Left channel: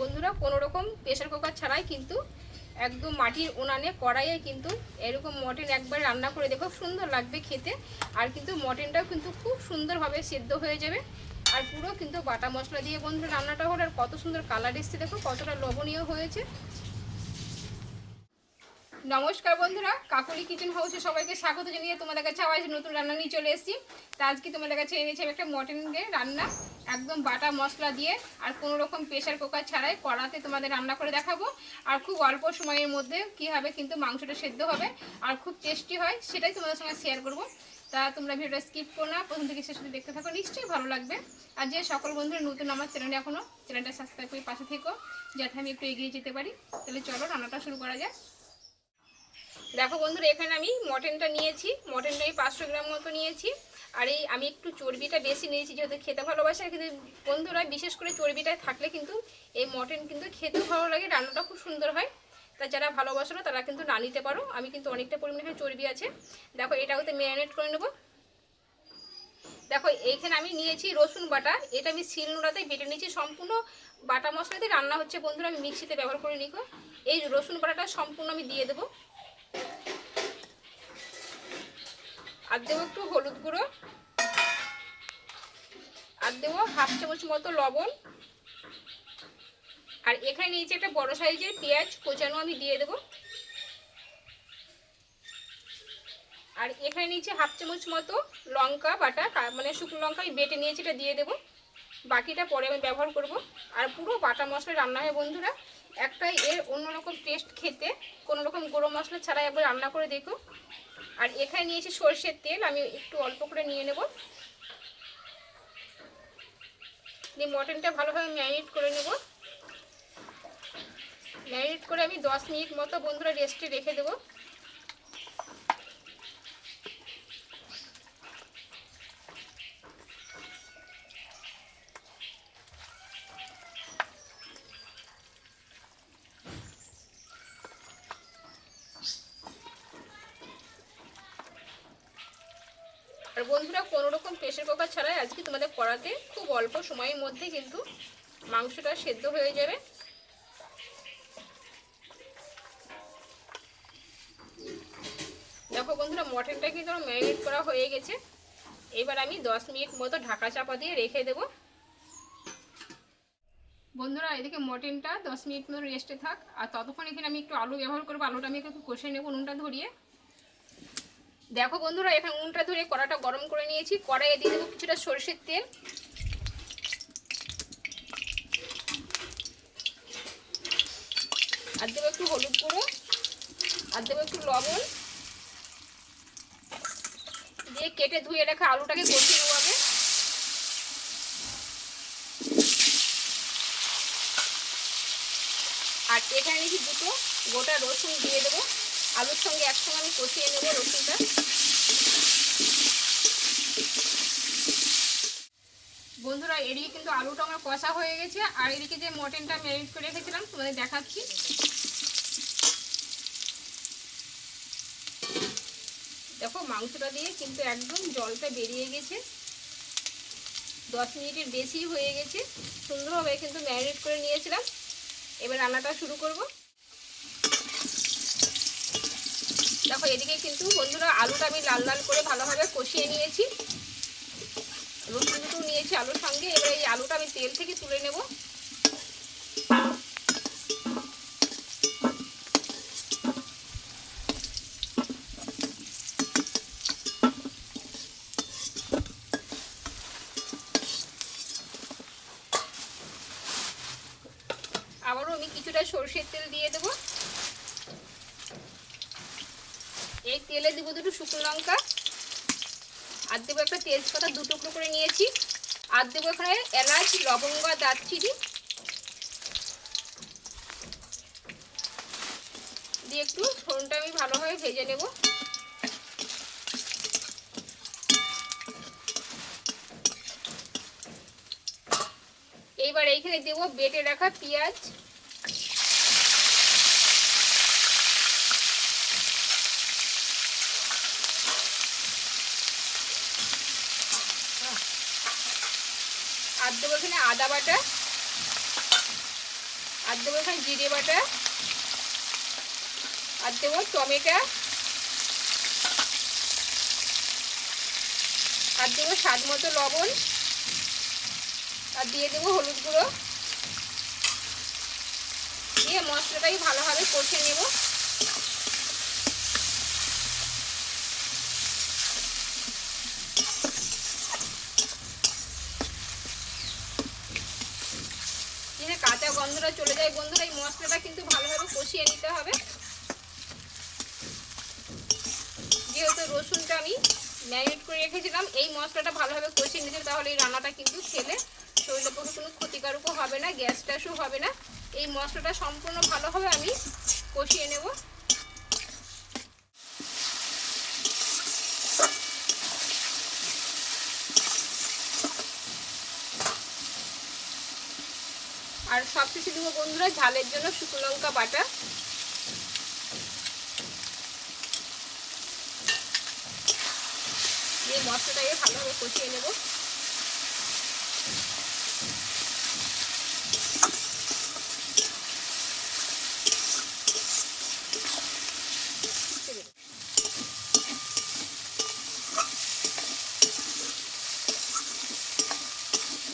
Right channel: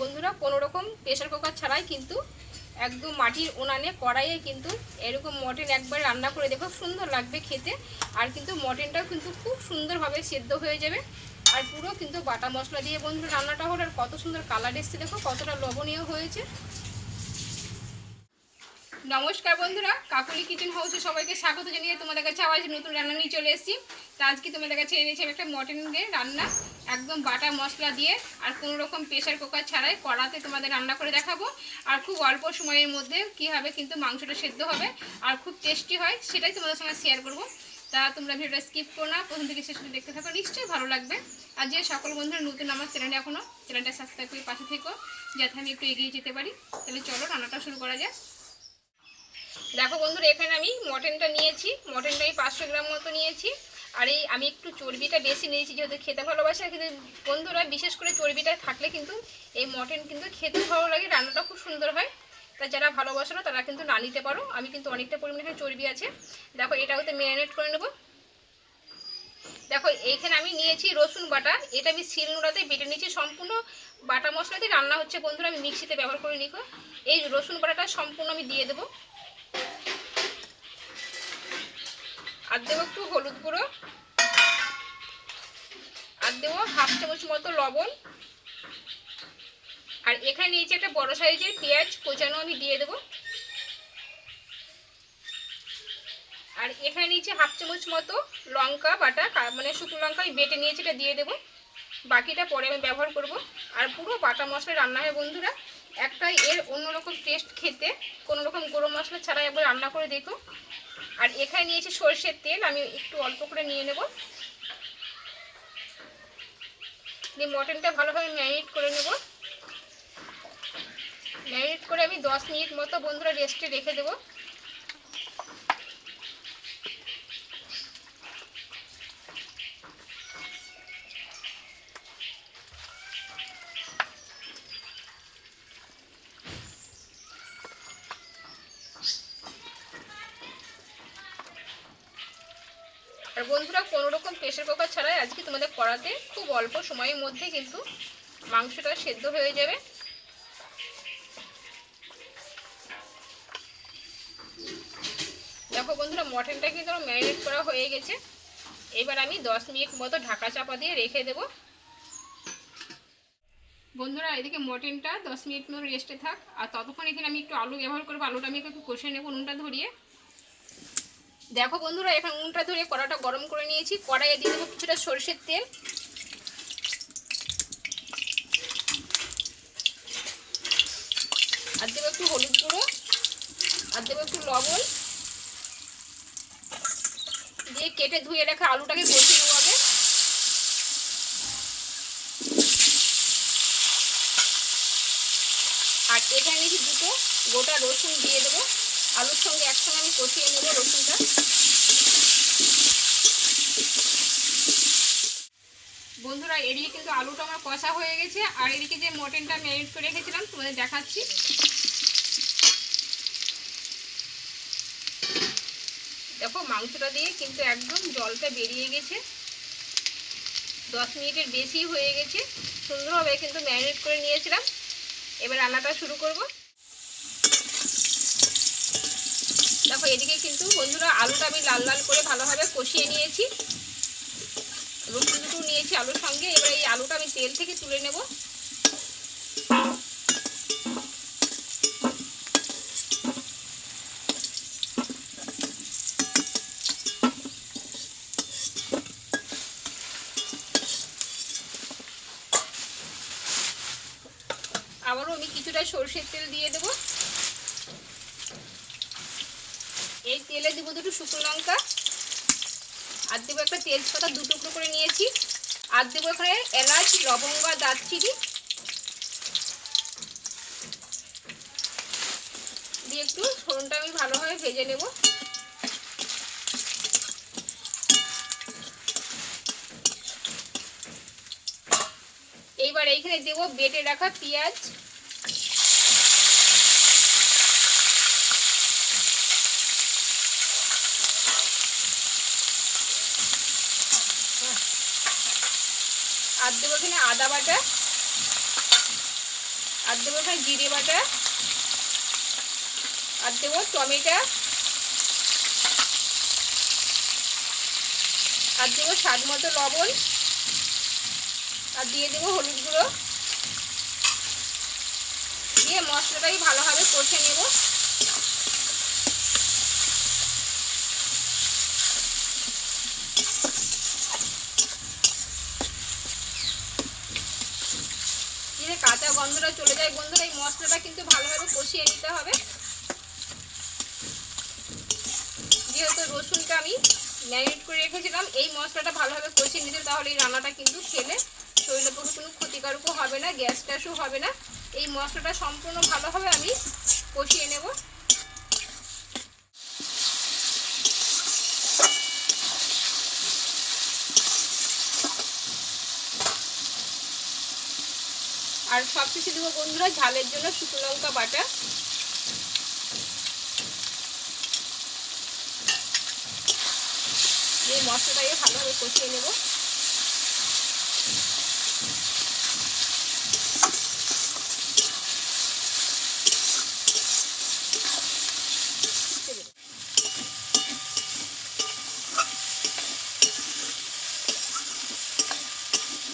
বন্ধুরা, কোনো রকম প্রেশার কুকার ছাড়াই কিন্তু একদম মাটির উনানে কড়াইয়ে কিন্তু এরকম মটন একবার রান্না করে দেখো, সুন্দর লাগবে খেতে। আর কিন্তু মটনটাও কিন্তু খুব সুন্দরভাবে সেদ্ধ হয়ে যাবে। আর পুরো কিন্তু বাটা মশলা দিয়ে বন্ধুরা, রান্নাটা হলো আর কত সুন্দর কালার এসছে দেখো, কতটা লবণীয় হয়েছে। নমস্কার বন্ধুরা, কাকুলি কিচেন হাউসে সবাইকে স্বাগত জানিয়ে তোমাদের কাছে আবার নতুন রান্না নিয়ে চলে এসেছি। তা আজকে তোমাদের কাছে এনেছি আমি একটা মটনের রান্না, একদম বাটা মশলা দিয়ে, আর কোনো রকম প্রেশার কুকার ছাড়াই কড়াতে তোমাদের রান্না করে দেখাবো। আর খুব অল্প সময়ের মধ্যে কীভাবে কিন্তু মাংসটা সেদ্ধ হবে, আর খুব টেস্টি হয়, সেটাই তোমাদের সঙ্গে শেয়ার করব। তা তোমরা ভিডিওটা স্কিপ করো না, প্রথম থেকে শেষ দেখতে থাকো, নিশ্চয়ই ভালো লাগবে। আর যে সকল বন্ধুরা নতুন আমার চ্যানেলে এখনও চ্যানেলটা সাবস্ক্রাইব করে পাশে থেকো, যাতে আমি একটু এগিয়ে যেতে পারি। তাহলে চলো রান্নাটা শুরু করা যায় দেখো বন্ধুরা, এখানে আমি মটনটা নিয়েছি। মটনটা আমি পাঁচশো গ্রাম মতো নিয়েছি। আর এই আমি একটু চর্বিটা বেশি নিয়েছি, যেহেতু খেতে ভালোবাসি কিন্তু বন্ধুরা, বিশেষ করে চর্বিটা থাকলে কিন্তু এই মটন কিন্তু খেতে ভালো লাগে, রান্নাটা খুব সুন্দর হয়। তা যারা ভালোবাসো না, তারা কিন্তু না নিতে পারো। আমি কিন্তু অনেকটা পরিমাণে চর্বি আছে। দেখো এটা হয়তো ম্যারিনেট করে নেব। দেখো, এইখানে আমি নিয়েছি রসুন বাটা। এটা আমি শিল নোড়াতে বেটে নিয়েছি। সম্পূর্ণ বাটা মশলাতে রান্না হচ্ছে বন্ধুরা, আমি মিক্সিতে ব্যবহার করে নিকো এই রসুন বাটাটা সম্পূর্ণ আমি দিয়ে দেবো। আর দেবো একটু হলুদ গুঁড়ো। আর দেবো হাফ চামচ মতো লবণ। আর এখানে নিয়েছি একটা বড় সাইজের পেঁয়াজ, কোচানো আমি দিয়ে দেবো। আর এখানে নিয়েছি হাফ চামচ মতো লঙ্কা বাটা মানে শুকনো লঙ্কা আমি বেটে নিয়েছি, এটা দিয়ে দেবো। বাকিটা পরে আমি ব্যবহার করব। আর পুরো বাটা মশলা রান্না হয়, বন্ধুরা। একটা এর অন্যরকম টেস্ট খেতে। কোনো রকম গরম মশলা ছাড়া একবার রান্না করে দেখো। আর এখানে নিয়েছি সর্ষের তেল, আমি একটু অল্প করে নিয়ে নেব। দিয়ে মটনটা ভালোভাবে ম্যারিনেট করে নেব। ম্যারিনেট করে আমি দশ মিনিট মতো বন্ধুরা রেস্টে রেখে দেবো। আর বন্ধুরা, কোনো রকম প্রেশার কুকার ছাড়াই আজকে তোমাদের কড়াতে খুব অল্প সময়ের মধ্যে কিন্তু মাংসটা সেদ্ধ হয়ে যাবে। দেখো বন্ধুরা, মটনটা কিন্তু ম্যারিনেট করা হয়ে গেছে। এবার আমি দশ মিনিট মতো ঢাকা চাপা দিয়ে রেখে দেব। বন্ধুরা, এদিকে মটনটা দশ মিনিট মতো রেস্টে থাক। আর ততক্ষণ এখানে আমি একটু আলু ব্যবহার করব। আলুটা আমি একটু কষে নেব নুনটা ধরিয়ে। দেখো বন্ধুরা এখানে উনটা ধরে কড়াটা গরম করে নিয়েছি। কড়াইয়ে দিয়ে দেবো কিছুটা সরষের তেল। আর দেবো একটু হলুদ গুঁড়ো, আর দেবো একটু লবণ। দিয়ে কেটে ধুয়ে রাখা আলুটাকে কষিয়ে নেব আগে। আর এখানে নিয়েছি দুটো গোটা রসুন দিয়ে দেবো। আলুর সঙ্গে একসঙ্গে আমি কষিয়ে নেব রসুনটা। বন্ধুরা, এদিকে কিন্তু আলুটা আমার কষা হয়ে গেছে, আর এদিকে যে মটনটা ম্যারিনেট করে রেখেছিলাম, তোমাদের দেখাচ্ছি। দেখো, মাংসটা দিয়ে কিন্তু একদম জলটা বেরিয়ে গেছে। দশ মিনিটের বেশি হয়ে গেছে। সুন্দরভাবে কিন্তু ম্যারিনেট করে নিয়েছিলাম। এবার রান্নাটা শুরু করব। দেখো, এদিকে কিন্তু বন্ধুরা আলুটা আমি লাল লাল করে ভালোভাবে কষিয়ে নিয়েছি দুটো নিয়েছি আলুর সঙ্গে। এবার এই আলুটা আমি তেল থেকে তুলে নেব। আবারও আমি কিছুটা সর্ষের তেল দিয়ে দেবো এই তেলে দেবো দুটো শুকনো লঙ্কা। আর দেবো একটা তেজপাতা, দু টুকরো করে নিয়েছি। আর দেবো এখানে এলাচ, লবঙ্গ আর দারচিনি। দিয়ে একটু ফোড়নটা আমি ভালোভাবে ভেজে নেব। এইবার এইখানে দেবো বেটে রাখা পেঁয়াজ। আর দেবো এখানে আদা বাটা, আর দেবো এখানে জিরে বাটা, আর দেবো টমেটো, আর দেবো স্বাদ মতো লবণ, আর দিয়ে দেবো হলুদ গুঁড়ো। দিয়ে মশলাটাই ভালোভাবে কষে নেব দিয়ে কাঁচা গন্ধটা চলে যায় বন্ধুরা এই মশলাটা কিন্তু ভালোভাবে কষিয়ে নিতে হবে। যেহেতু রসুনটা আমি ম্যারিনেট করে রেখেছিলাম, এই মশলাটা ভালোভাবে কষিয়ে নিতে তাহলে এই রান্নাটা কিন্তু খেলে শরীরের পক্ষে কোনো ক্ষতিকারকও হবে না গ্যাস ট্যাসও হবে না। এই মশলাটা সম্পূর্ণ ভালোভাবে আমি কষিয়ে নেব। আর সব কিছু দেবো বন্ধুরা, ঝালের জন্য শুকনো লঙ্কা বাটা। এই মশলাটাকে ভালোভাবে কষিয়ে নেব।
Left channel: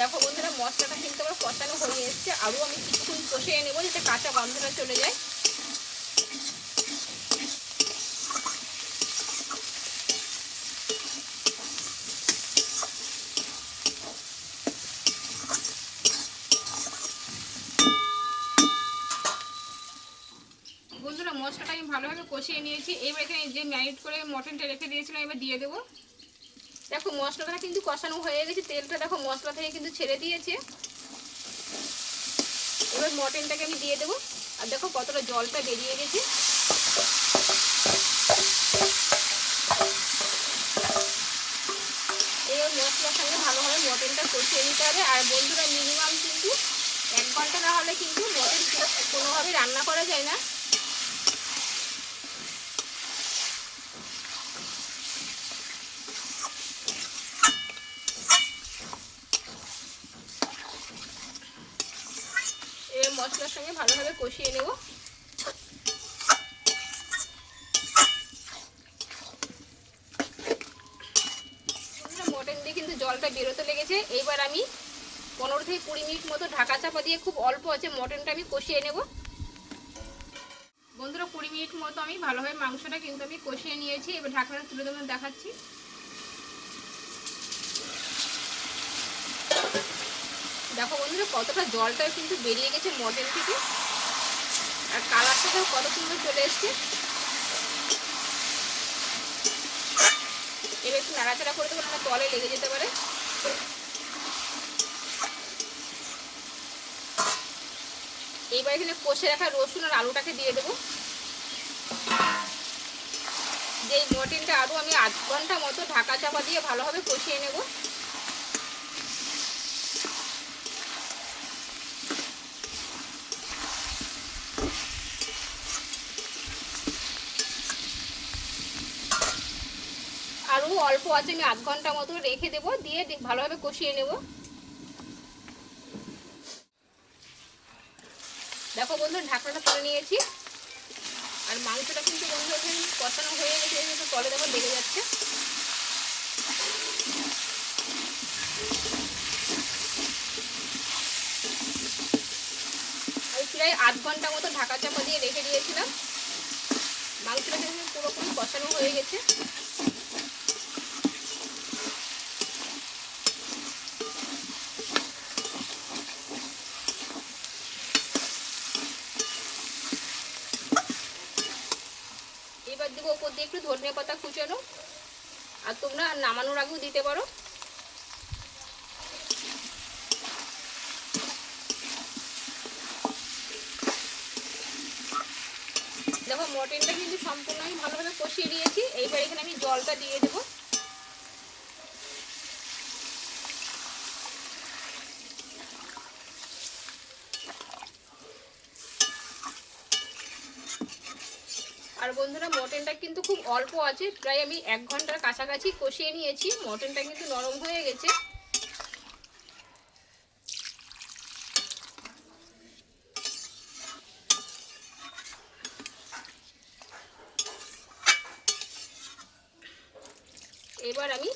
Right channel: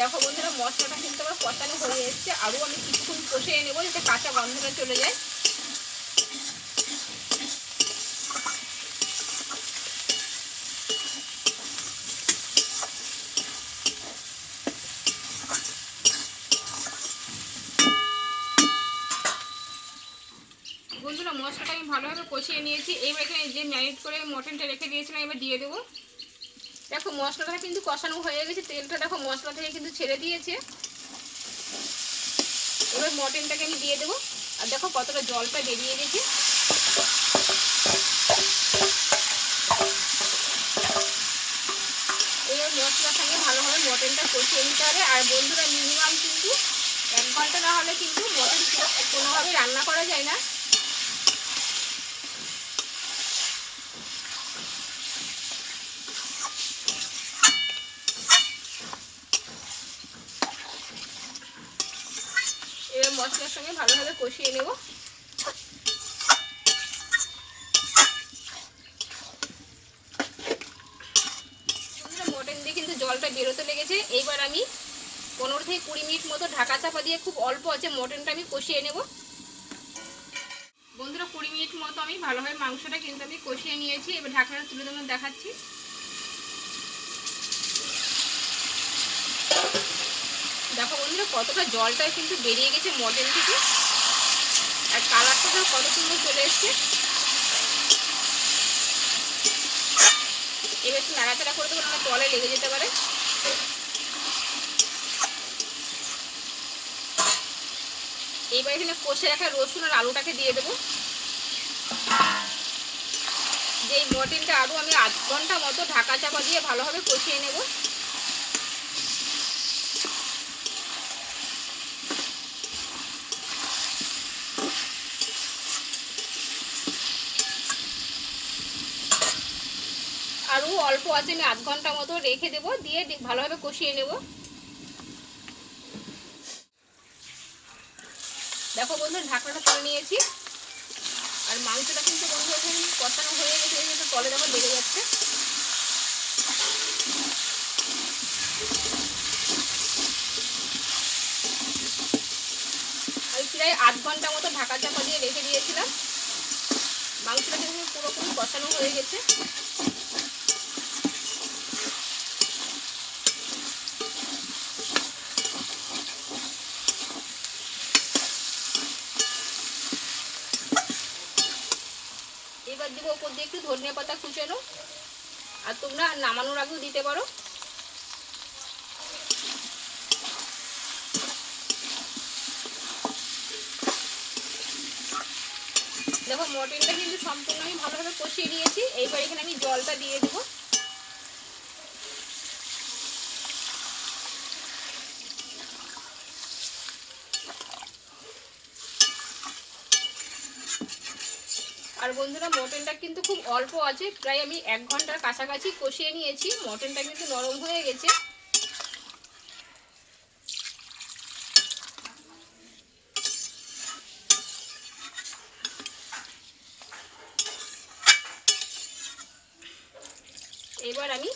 দেখো বন্ধুরা, মশলাটা কিন্তু আমার কষানো হয়ে এসছে। আরও আমি কিছুক্ষণ কষিয়ে নেব যাতে কাঁচা গন্ধটা চলে যায়। বন্ধুরা, মশলাটা আমি ভালোভাবে কষিয়ে নিয়েছি। এইবার এখানে যে ম্যারিনেট করে মটনটা রেখে দিয়েছিলাম, এবার দিয়ে দেবো। দেখো মশলাটা কিন্তু কষানো হয়ে গেছে, তেলটা দেখো মশলা থেকে কিন্তু ছেড়ে দিয়েছে। এবার মটনটাকে আমি দিয়ে দেবো। আর দেখো কতটা জলটা বেরিয়ে গেছে। এই মশলার সঙ্গে ভালোভাবে মটনটা কষিয়ে নিতে হবে। আর বন্ধুরা মিনিমাম কিন্তু এক ঘণ্টা না হলে কিন্তু মটন কোনোভাবে রান্না করা যায় না এবার মশলার সঙ্গে ভালোভাবে কষিয়ে নেব। মটন দিয়ে কিন্তু জলটা বেরোতে লেগেছে। এইবার আমি পনেরো থেকে কুড়ি মিনিট মতো ঢাকা চাপা দিয়ে খুব অল্প আছে মটনটা আমি কষিয়ে নেব। বন্ধুরা, কুড়ি মিনিট মতো আমি ভালোভাবে মাংসটা কিন্তু আমি কষিয়ে নিয়েছি। এবার ঢাকনাটা তুলে দেবো, দেখাচ্ছি। দেখো বন্ধুরা, কতটা জলটা কিন্তু বেরিয়ে গেছে মটন থেকে। আর কালারটা তো কত সুন্দর চলে এসছে। এবার একটু নাড়াচাড়া করে দেবো না তলে লেগে যেতে পারে। এইবার এখানে কষে রাখা রসুন আর আলুটাকে দিয়ে দেবো। যে মটনটা আরও আমি আধ ঘণ্টা মতো ঢাকা চাপা দিয়ে ভালোভাবে কষিয়ে নেব আরও অল্প আছে, আমি আধ ঘণ্টা মতো রেখে দেবো, দিয়ে ভালোভাবে কষিয়ে নেব। দেখো বন্ধু ঢাকনাটা তুলে নিয়েছি। আর মাংসটা কিন্তু বন্ধু এখন কষানো হয়ে গেছে তলে দেখো লেগে যাচ্ছে। প্রায় আধ ঘণ্টা মতো ঢাকা চাপা দিয়ে রেখে দিয়েছিলাম। মাংসটা কিন্তু পুরোপুরি কষানো হয়ে গেছে এবার দেবো ধনিয়া পাতা কুচানো। আর তোমরা নামানোর আগেও দিতে পারো। দেখো মটনটা কিন্তু সম্পূর্ণ আমি ভালোভাবে কষিয়ে নিয়েছি। এইবার এখানে আমি জলটা দিয়ে দেবো। বন্ধুরা, মটনটা কিন্তু খুব অল্প আছে। প্রায় আমি এক ঘণ্টার কাছাকাছি কষিয়ে নিয়েছি। মটনটা কিন্তু নরম হয়ে গেছে। এবার আমি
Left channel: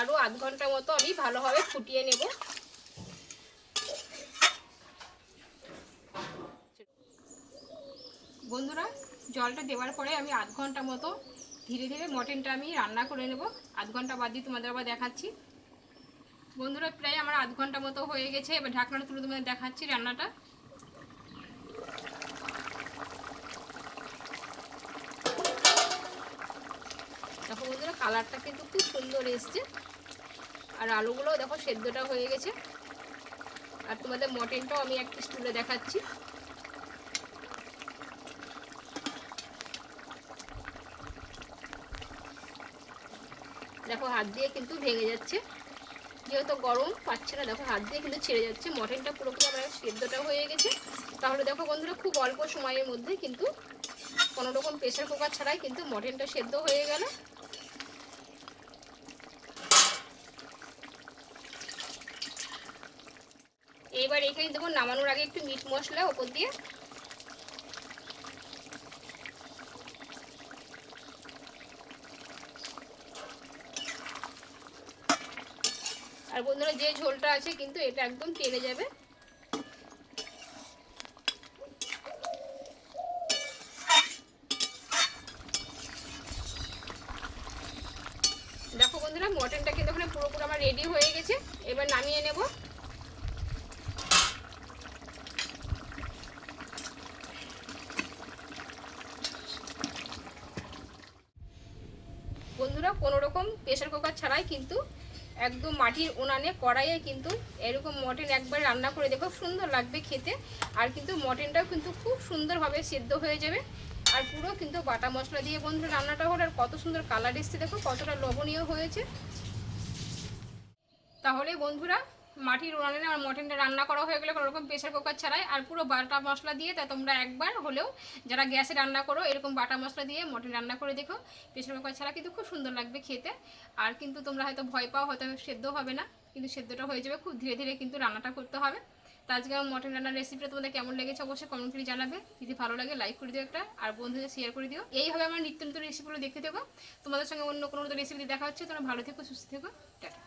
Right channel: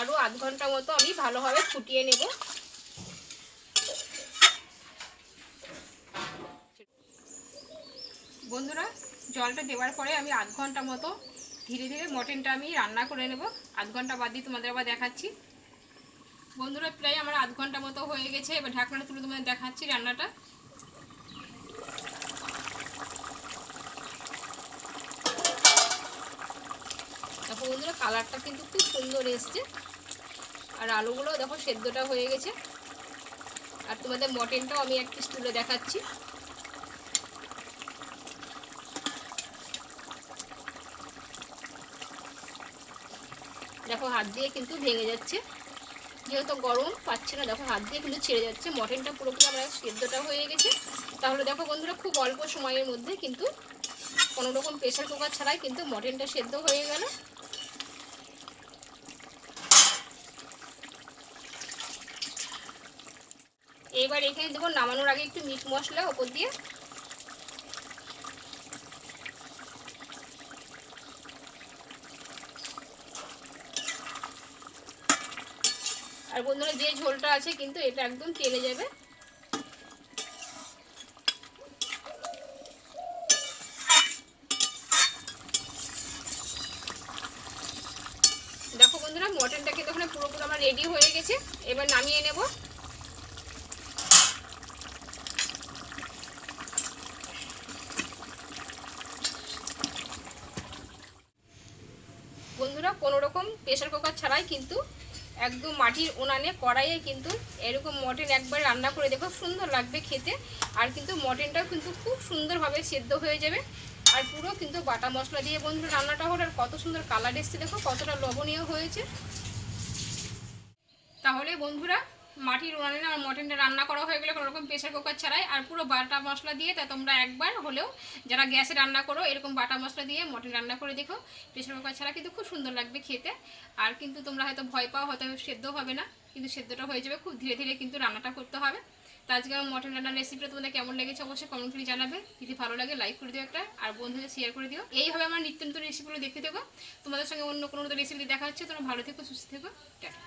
আরও আধ ঘণ্টা মতো আমি ভালোভাবে ফুটিয়ে নেব। বন্ধুরা জলটা দেওয়ার পরে আমি আধ ঘণ্টা মতো ধীরে ধীরে মটনটা আমি রান্না করে নেব। আধ ঘণ্টা বাদ দিয়ে তোমাদের আবার দেখাচ্ছি। বন্ধুরা, প্রায় আমার আধ ঘণ্টা মতো হয়ে গেছে। এবার ঢাকনাটা তুলে তোমাদের দেখাচ্ছি রান্নাটা। দেখো বন্ধুরা, কালারটা কিন্তু খুব সুন্দর এসছে। আর আলুগুলো দেখো, সেদ্ধটা হয়ে গেছে। আর তোমাদের মটনটাও আমি এক পিস তুলে দেখাচ্ছি। দেখো হাত দিয়ে কিন্তু ভেঙে যাচ্ছে। যেহেতু গরম, পাচ্ছে না। দেখো হাত দিয়ে কিন্তু ছেড়ে যাচ্ছে। মটনটা পুরোপুরি আমার সেদ্ধটা হয়ে গেছে। তাহলে দেখো বন্ধুরা, খুব অল্প সময়ের মধ্যে কিন্তু কোনো রকম প্রেশার কুকার ছাড়াই কিন্তু মটনটা সেদ্ধ হয়ে গেল। এবার এখানে দেবো নামানোর আগে একটু মিট মশলা ওপর দিয়ে আর বন্ধুরা যে ঝোলটা আছে কিন্তু এটা একদম টেনে যাবে। দেখো বন্ধুরা, মটনটা কিন্তু ওখানে পুরোপুরি আমার রেডি হয়ে গেছে। এবার নামিয়ে নেব। বন্ধুরা, কোনো রকম প্রেশার কুকার ছাড়াই কিন্তু একদম মাটির উনানে, কড়াইয়ে কিন্তু এরকম মটন একবার রান্না করে দেখো সুন্দর লাগবে খেতে। আর কিন্তু মটনটাও কিন্তু খুব সুন্দরভাবে সেদ্ধ হয়ে যাবে। আর পুরো কিন্তু বাটা মশলা দিয়ে বন্ধুরা রান্নাটা হলো, আর কত সুন্দর কালার এসছে দেখো, কতটা লবণীয় হয়েছে। তাহলে বন্ধুরা মাটির উনানে আর মটনটা রান্না করা হয়ে গেলে কোনো রকম প্রেশার কুকার ছাড়াই আর পুরো বাটা মশলা দিয়ে তা তোমরা একবার হলেও যারা গ্যাসে রান্না করো, এরকম বাটা মশলা দিয়ে মটন রান্না করে দেখো প্রেশার কুকার ছাড়া কিন্তু খুব সুন্দর লাগবে খেতে। আর কিন্তু তোমরা হয়তো ভয় পাও, হয়তো সেদ্ধ হবে না, কিন্তু সেদ্ধটা হয়ে যাবে, খুব ধীরে ধীরে কিন্তু রান্নাটা করতে হবে। তো আজকে আমার মটন রান্নার রেসিপিটা তোমাদের কেমন লেগেছে অবশ্যই কমেন্ট করে জানাবে। যদি ভালো লাগে লাইক করে দিও একটা, আর বন্ধুদের শেয়ার করে দিও। এইভাবে আমার নিত্য নতুন রেসিপিগুলো দেখতে থেকো। তোমাদের সঙ্গে অন্য কোনো রেসিপি দেখা হচ্ছে, তোমরা ভালো থেকো, সুস্থ থেকো। টাটা।